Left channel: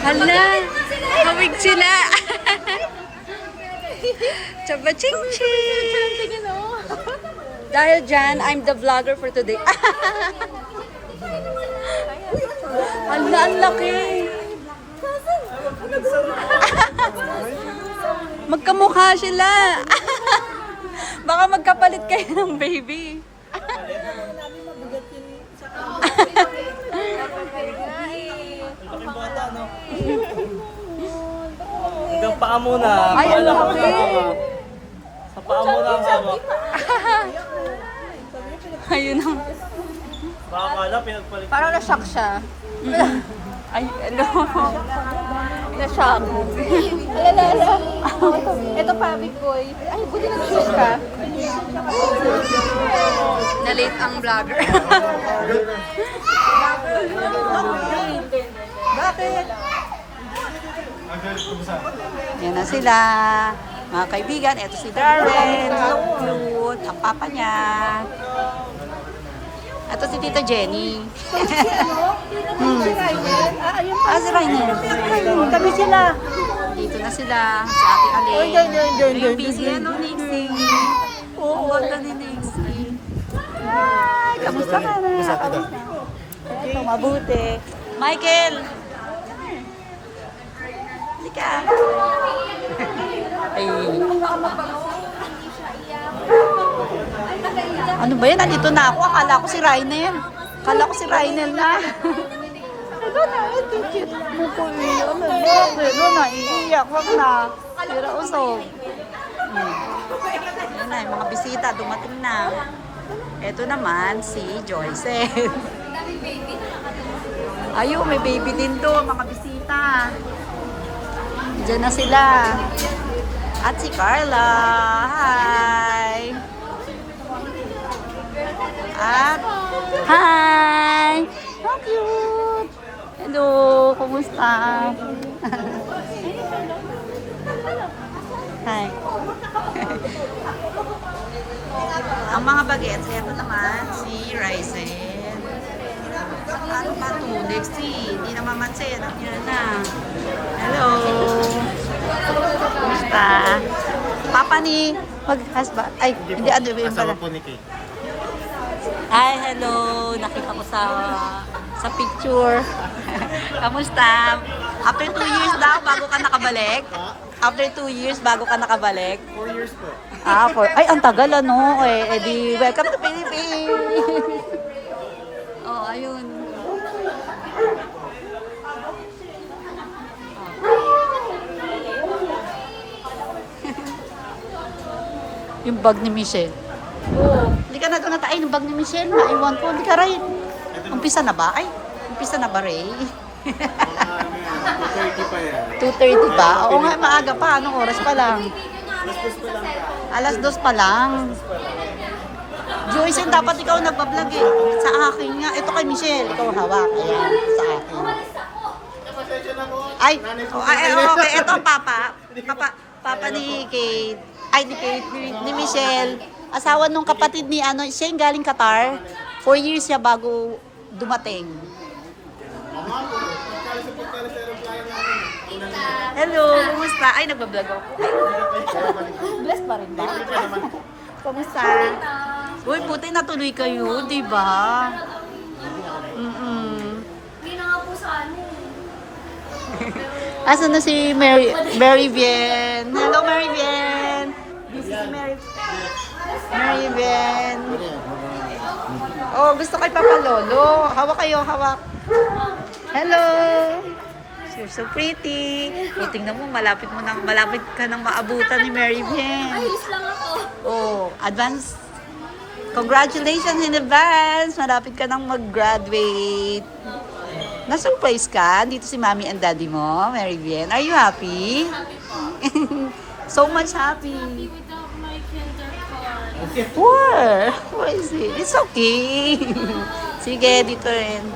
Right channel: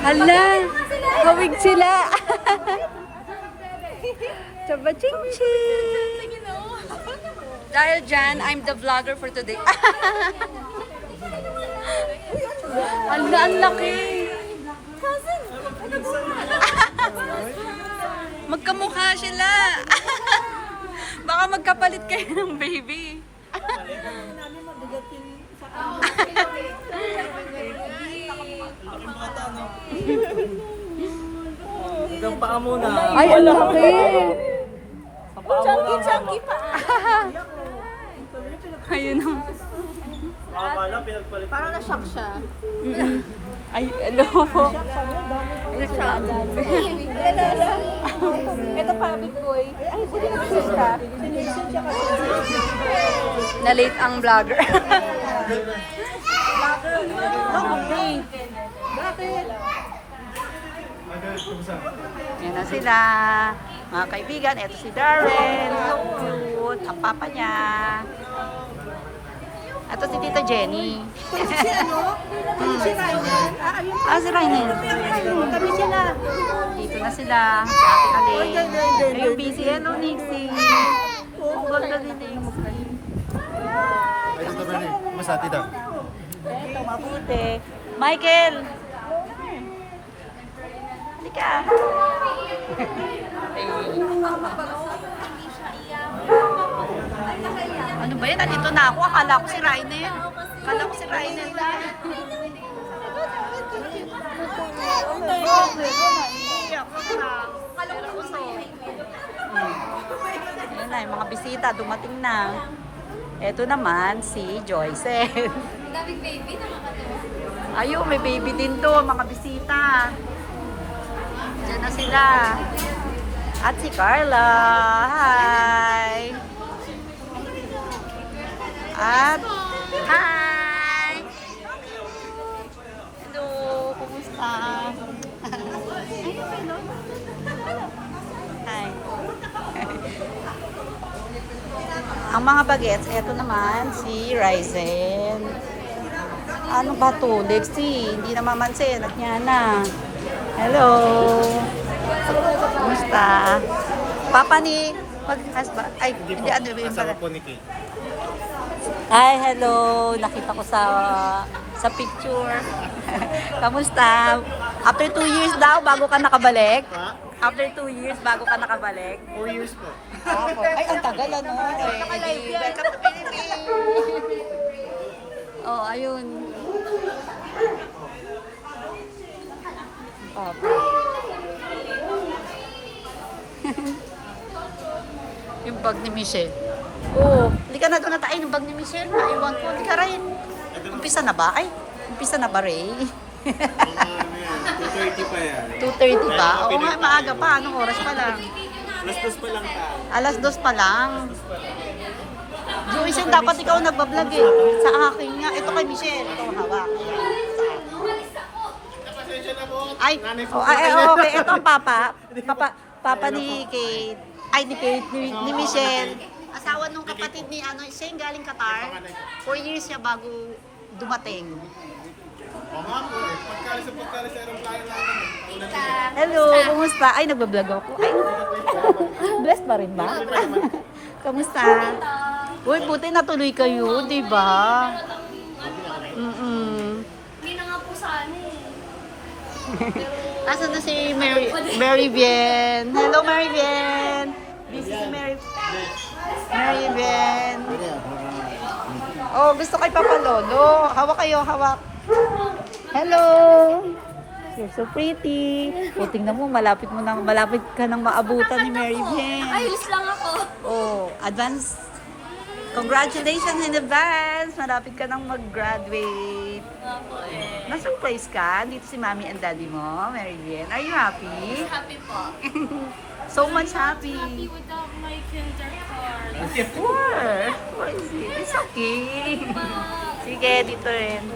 Hala, hawig sila. Chaba ching ching. Dahil dyan, I'm the vlogger for today. Hala, ang laki. Magkamukha sila. Baka magkapalit kayo ng baby. Hanggang paa muna. Ay, ang laki. Sa paa muna. Ayun ang... Makakala, pinagpalit. Parang na-shock siya. Ay, ano? Na-shock. Ito pa, big boy. Na-late ang vlogger. Yan na sila. Mga kaibigan, ito si Darren. So cute. Ang papa niya. Ito si Tita Jenny. Si Rainel. Kami sila. Dito na sila. Si Ate Aling. Yung busy. Hello, Nixie. Ang ganda ni Nixie. Kamusta ka na? Eto, mabuti. Michael! Halika. Ano ba yan? Nandito na ako. Akala ko si Rainel. Akala ko si Rainel na. Naiiyak. Wag na. Sira usog. Yan na, yung mga bisita. Dumating na. Ito naman si Joyce. Daming baby, nakakatawa. Ayun, may baby din to. Mga bisita. Diyan na sila. At si Carla. Hi! At, hi! How cute! Hello! Kumusta? Hi! Ang mga bagets, ito naman si Ryzen. Ano ba to? Lexi, hindi na mamansin. Yan na. Hello! Kumusta? Papa ni mag-husband. Ay, hindi ano ba yung pala? Kasama po ni Kate. Hi, hello. Nakita ko sa picture. Kamusta? After 2 years daw, bago ka nakabalik? After 2 years, bago ka nakabalik? 4 years po. Ay, ang tagal ano. Edi, welcome to Philippines. Oh, ayun. Yung bag ni Michelle. Oh, halika na doon na tayo yung bag ni Michelle. Naiwan ko. Halika Ray. Umpisa na ba? Ay, umpisa na ba Ray? 2:30 pa yan. 2:30 pa? Oo nga, maaga pa. Anong oras pa lang? Listos pa lang ka. Alas 2 pa lang. Joyce, dapat ikaw nagbablog eh. Sa akin nga. Ito kay Michelle. Ito hawak. Ayan, sa akin. Ay, okay. Ito ang papa. Papa ni Kate. Ay, ni Kate, ni Michelle. Asawa nung kapatid ni ano, siya yung galing Qatar. 4 years siya bago dumating. Hello, kumusta? Ay, nagbablog ako. Blessed pa rin ba? Kamusta? Uy, buti natuloy kayo, di ba? Hindi na nga po sana eh. Asan na si Mary Bien? Hello, Mary Bien! Busy si Mary Bien. Oh, gusto kay Papa Lolo. Hawak kayo, hawak. Hello! You're so pretty. O, tingnan mo, malapit ka nang maabutan ni Mary Bien. Ayos lang ako. Oh, advance. Congratulations in advance. Malapit ka nang mag-graduate. Na-surprise ka? Dito si Mommy and Daddy mo, Mary Bien. Are you happy? Happy po. So much happy. Happy without my kinder card. Where? Where is it? It's okay. Sige, dito rin.